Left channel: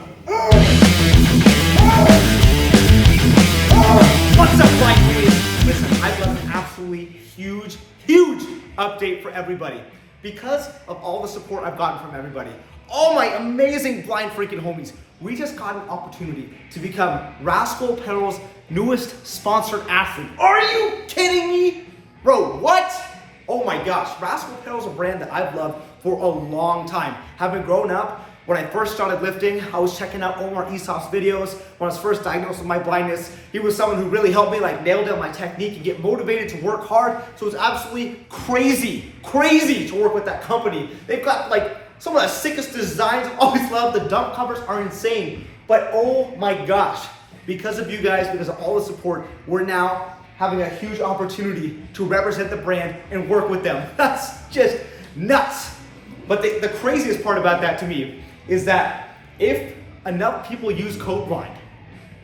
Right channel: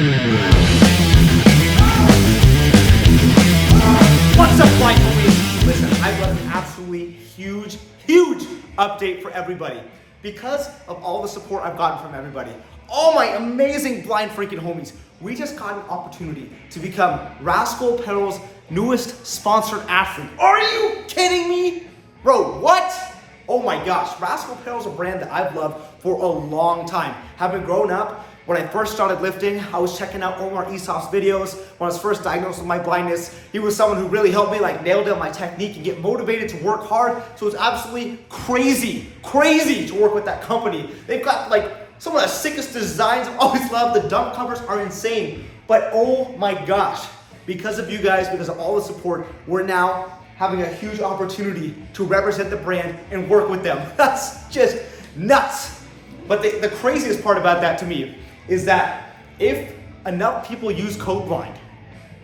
What's up, blind homies? Listen, I've got an absolutely huge update for everybody. Because of all the support I've gotten from everybody, all my amazing blind freaking homies, we just got an opportunity to become Rascal Apparel's newest sponsored athlete. Are you kidding me? Bro, what? Oh my gosh, Rascal Apparel is a brand that I've loved for a long time. Having grown up, when I first started lifting, I was checking out Omar Isof's videos. When I was first diagnosed with my blindness, he was someone who really helped me nail down my technique and get motivated to work hard. So it's absolutely crazy to work with that company. They've got some of the sickest designs I've always loved. The dump covers are insane. But oh my gosh, because of you guys, because of all the support, we're now having a huge opportunity to represent the brand and work with them. That's just nuts. But the craziest part about that to me is that if enough people use code BLIND,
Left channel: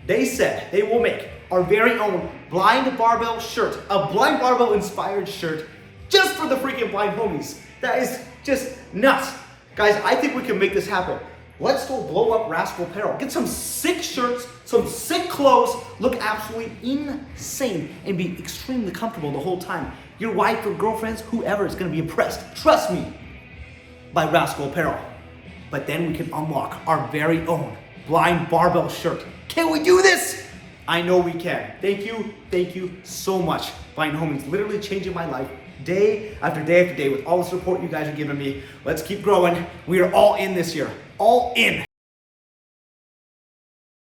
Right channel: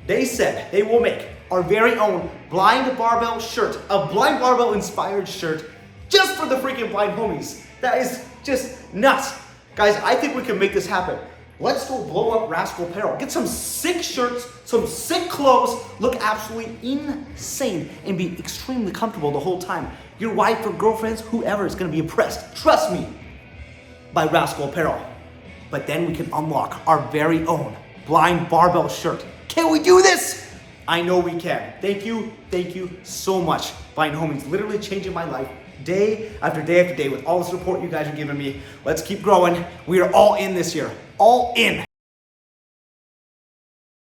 they said they will make our very own blind barbell shirt, a blind barbell inspired shirt just for the freaking blind homies. That is just nuts. Guys, I think we can make this happen. Let's go blow up Rascal Apparel. Get some sick shirts, some sick clothes, look absolutely insane, and be extremely comfortable the whole time. Your wife or girlfriends, whoever is gonna be impressed, trust me, by Rascal Apparel. But then we can unlock our very own blind barbell shirt. Can we do this? I know we can. Thank you so much, blind homies. Literally changing my life day after day after day with all the support you guys are giving me. Let's keep growing. We are all in this year. All in.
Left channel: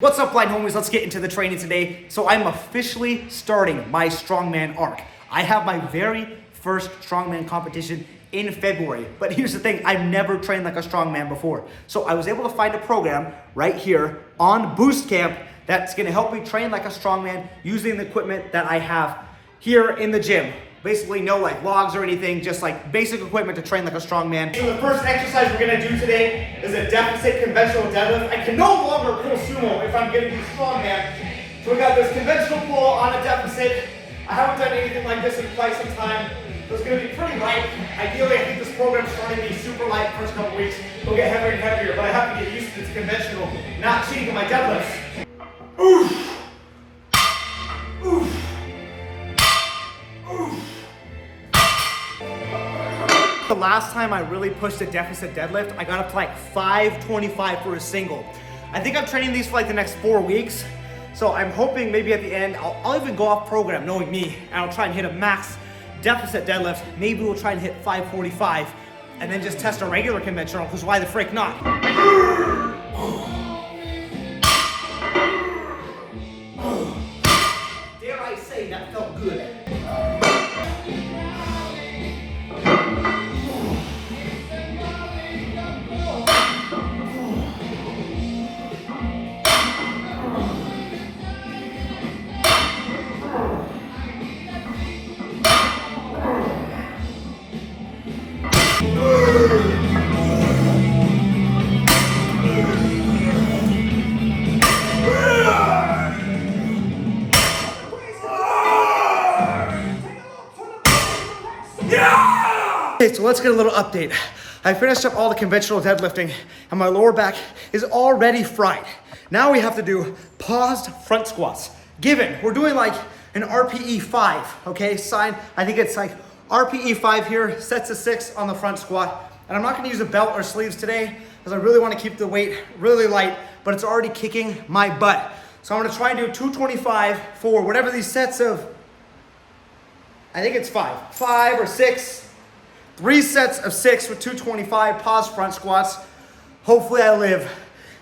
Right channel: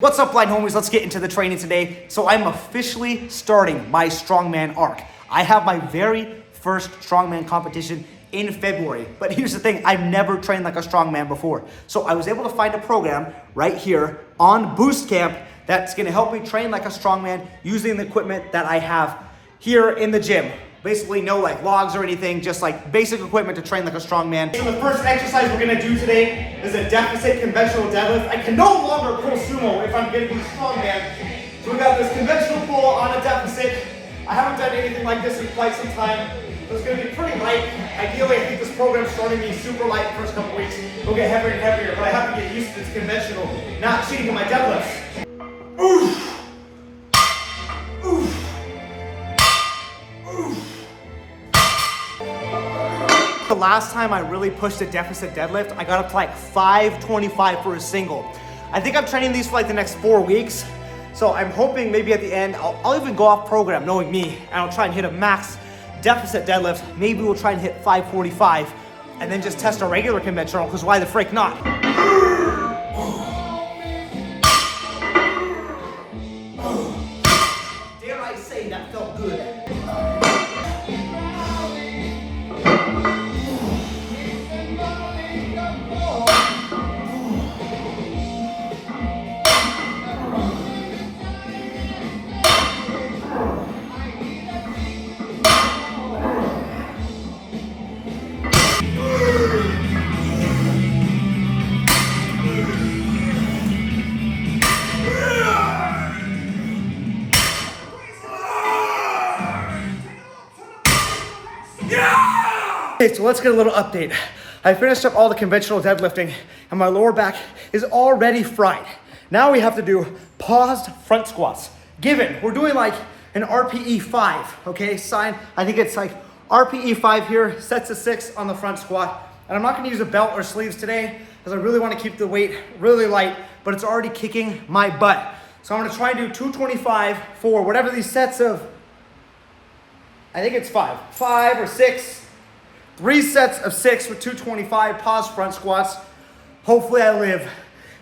What's up, blind homies? Let's get into the training today. So I'm officially starting my Strongman arc. I have my very first Strongman competition in February. But here's the thing, I've never trained like a Strongman before. So I was able to find a program right here on Boost Camp that's gonna help me train like a Strongman using the equipment that I have here in the gym. Basically no logs or anything, just basic equipment to train like a Strongman. So the first exercise we're gonna do today is a deficit conventional deadlift. I can no longer pull sumo if I'm gonna do Strongman. So we got this conventional pull on a deficit. I haven't done anything like this in quite some time. So it's gonna be pretty light. Ideally, I think this program's starting me super light the first couple weeks. It'll get heavier and heavier, but I have to get used to this conventional, not cheating on my deadlifts. Oof. Oof. The last time I really pushed a deficit deadlift, I got up to 525 for a single. I think I'm training these for the next 4 weeks. So I'm hoping maybe at the end, I'll even go off program knowing me, and I'll try and hit a max deficit deadlift. Maybe we'll try and hit 545 and then just test a regular conventional, because why the frick not? Dare I say that felt good. Okay, so let's get a little update. I finished up all the conventional deadlifting and my lower back is already fried. Now we have to do paused front squats. Given, we're doing an RPE 5, okay? I think it's RPE 5 here, sets of 6 on the front squat. And I'm not gonna use a belt or sleeves today because I really wanna keep the weight really light, but it's already kicking my butt. So I'm gonna try and do 225 for whatever these sets of, I think it's 5 or 6. 3 sets of 6 with 225 pause front squats. Hopefully I live.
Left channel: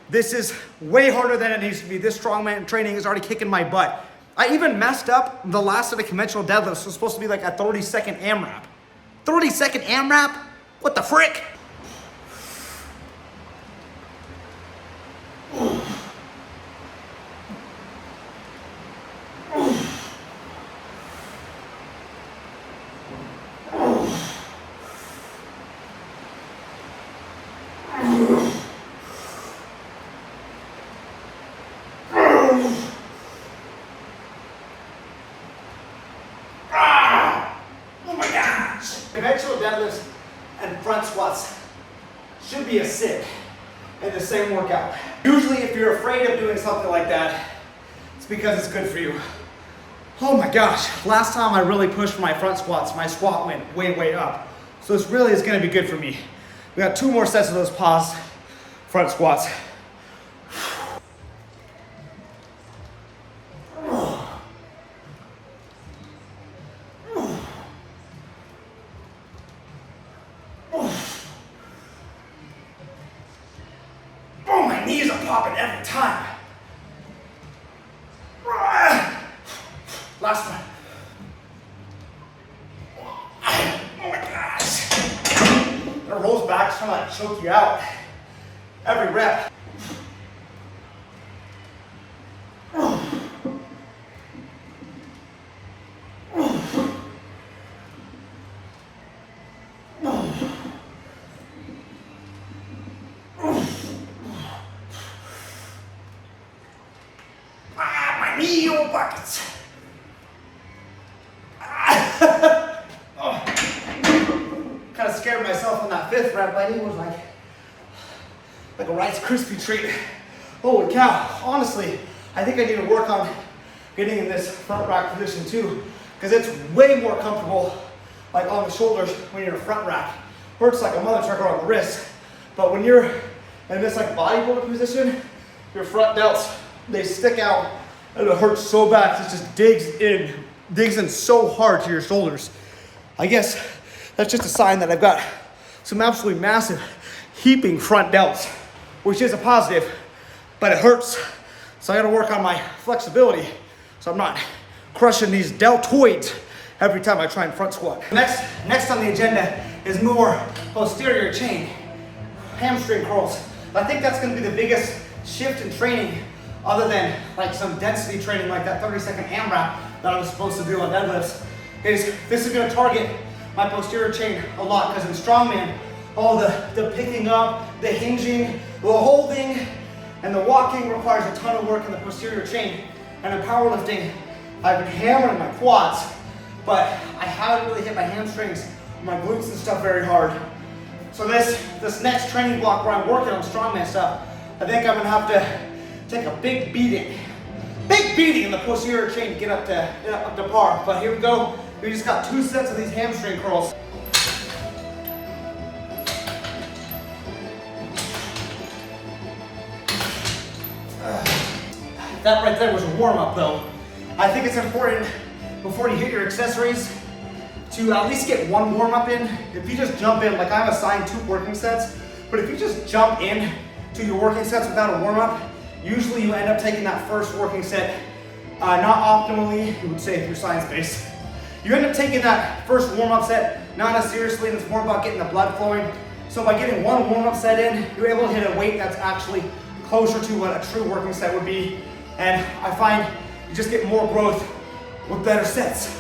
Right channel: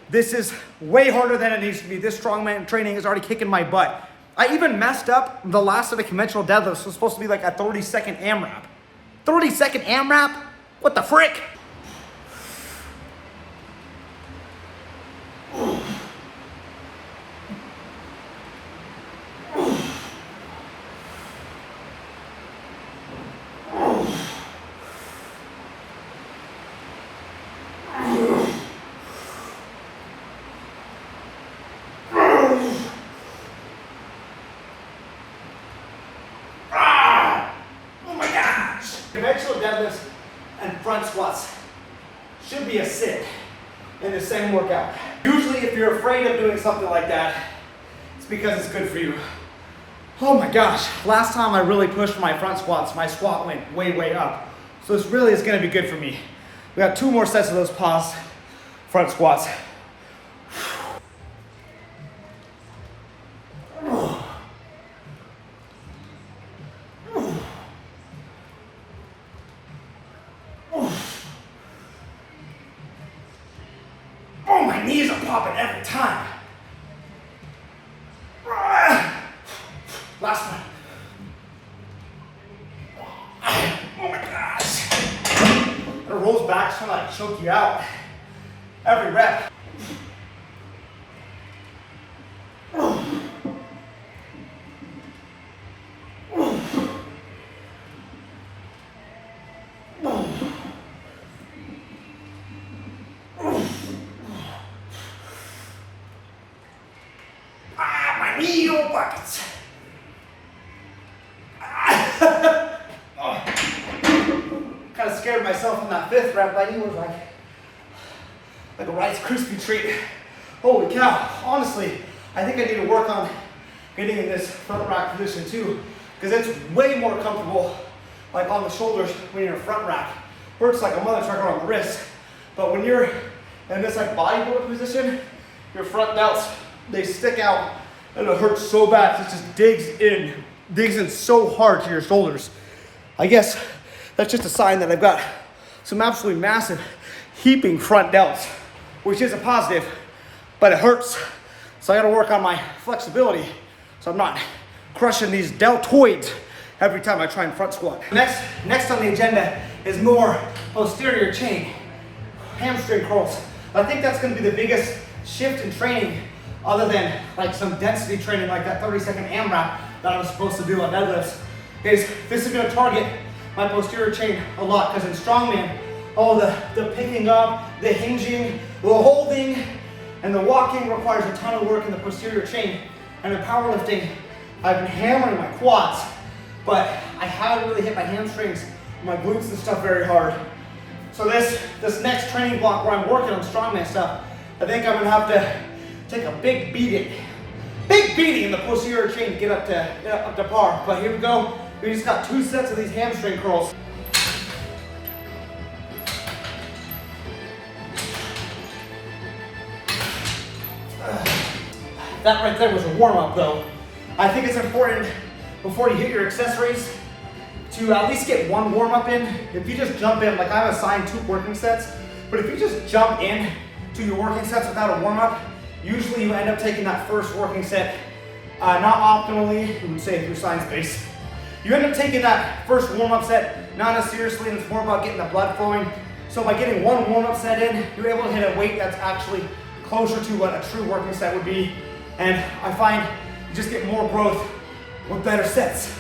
This is way harder than it needs to be. This Strongman training is already kicking my butt. I even messed up the last of the conventional deadlifts. It was supposed to be a 30-second AMRAP. 30-second AMRAP? What the frick? Conventional deadlifts and front squats should be a sit in the same workout. Usually if you're afraid of doing something like that, it's because it's good for you. Oh my gosh, last time I really pushed my front squats, my squat went way up. So this really is gonna be good for me. We got 2 more sets of those pause front squats. Oh, my knees are popping every time. Last one. Oh my gosh. It rolls back, it's trying to like choke you out. Every rep. My knee buckets. Kind of scared myself on that 5th rep. My knee was like a Rice Krispie treat. Holy cow. Honestly, I think I need to work on getting in this front rack position too, because it's way more comfortable like on the shoulders when you're in a front rack. Hurts like a mother trucker on the wrist. But when you're in this like bodybuilder position, your front delts, they stick out and it hurts so bad. It just digs in so hard to your shoulders. I guess that's just a sign that I've got some absolutely massive heaping front delts, which is a positive, but it hurts. So I gotta work on my flexibility so I'm not crushing these deltoids every time I try and front squat. Next on the agenda is more posterior chain, hamstring curls. I think that's gonna be the biggest shift in training other than like some density training like that 30-second AMRAP that I was supposed to do on deadlifts. This is gonna target my posterior chain a lot, because in Strongman, all the picking up, the hinging, the holding, and the walking requires a ton of work in the posterior chain. And in powerlifting, I've been hammering my quads, but I haven't really hit my hamstrings, my glutes and stuff very hard. So this next training block where I'm working on Strongman stuff, I think I'm gonna have to take a big beating in the posterior chain to get up to par. But here we go. We just got 2 sets of these hamstring curls. That right there was a warm-up though. I think it's important before you hit your accessories to at least get 1 warm-up in. If you just jump in, like I have assigned 2 working sets, but if you just jump in to your working sets without a warm-up, usually you end up taking that first working set not optimally, you would say if you're science-based. You end up taking that first warm-up set not as seriously, and it's more about getting the blood flowing. So by getting 1 warm-up set in, you're able to hit a weight that's actually closer to what a true working set would be. And I find you just get more growth with better sets.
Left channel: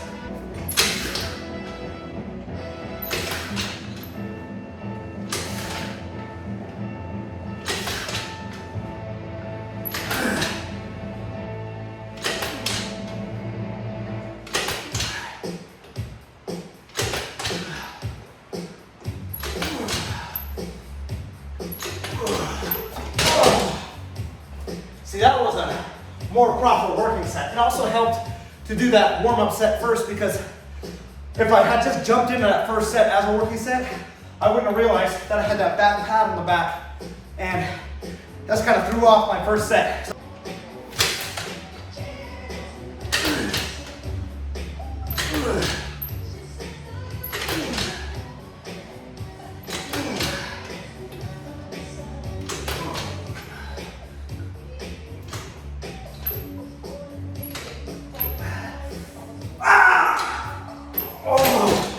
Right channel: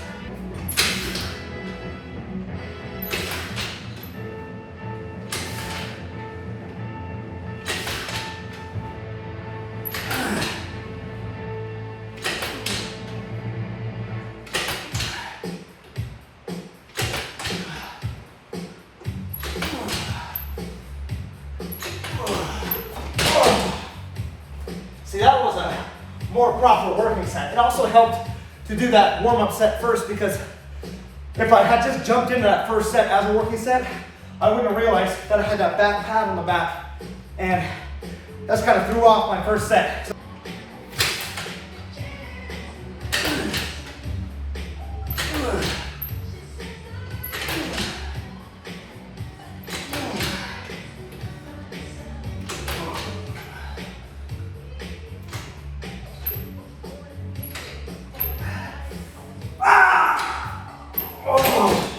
See, that was a more proper working set. It also helped to do that warm-up set first, because if I had just jumped into that first set as a working set, I wouldn't have realized that I had that back pad on the back, and that's kind of threw off my first set.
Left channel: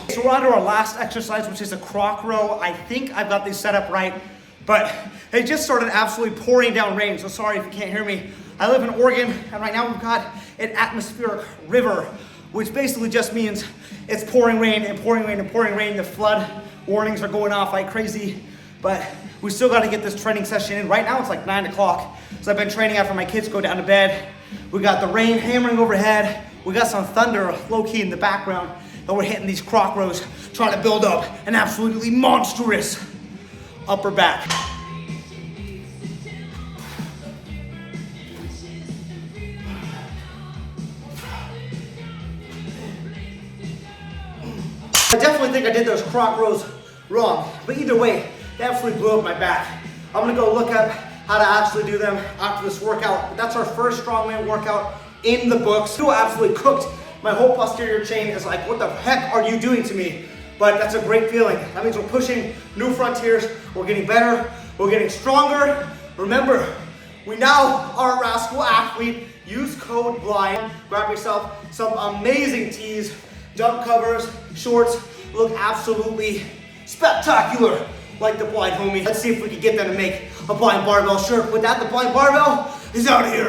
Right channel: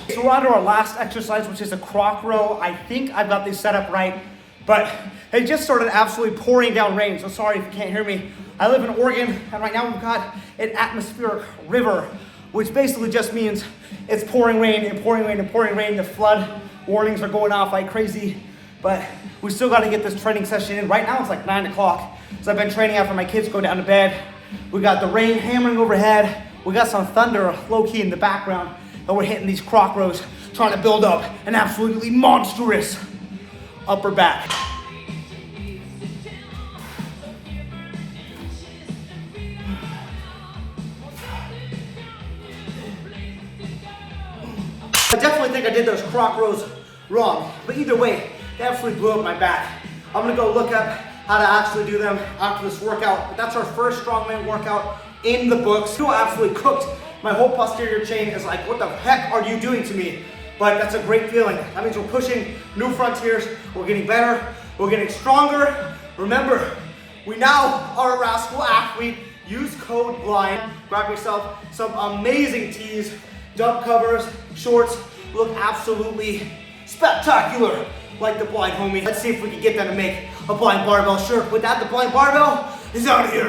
So we're on to our last exercise, which is a Croc row. I think I've got these set up right, but it just started absolutely pouring down rain. So sorry if you can't hear me. I live in Oregon, and right now we've got an atmospheric river, which basically just means it's pouring rain and pouring rain and pouring rain. The flood warnings are going off like crazy, but we still got to get this training session in. Right now it's like 9 o'clock. So I've been training after my kids go down to bed. We got the rain hammering overhead. We got some thunder low-key in the background. And we're hitting these Croc rows, trying to build up an absolutely monstrous upper back. definitely think I did those Croc rows wrong, but either way, they absolutely blew up my back. I'm gonna go look up how to actually do them after this workout, but that's our first strongman workout in the books. Who absolutely cooked. My whole posterior chain is like, what the heck are you doing to me? But that's a great feeling. That means we're pushing new frontiers, we're getting better, we're getting stronger. Remember, we now are a Rascal athlete. Use code BLIND. Grab yourself some amazing tees, dump covers, shorts, look absolutely spectacular like the blind homie. Let's see if we can get them to make a blind barbell shirt. With that, the blind barbell is out of here.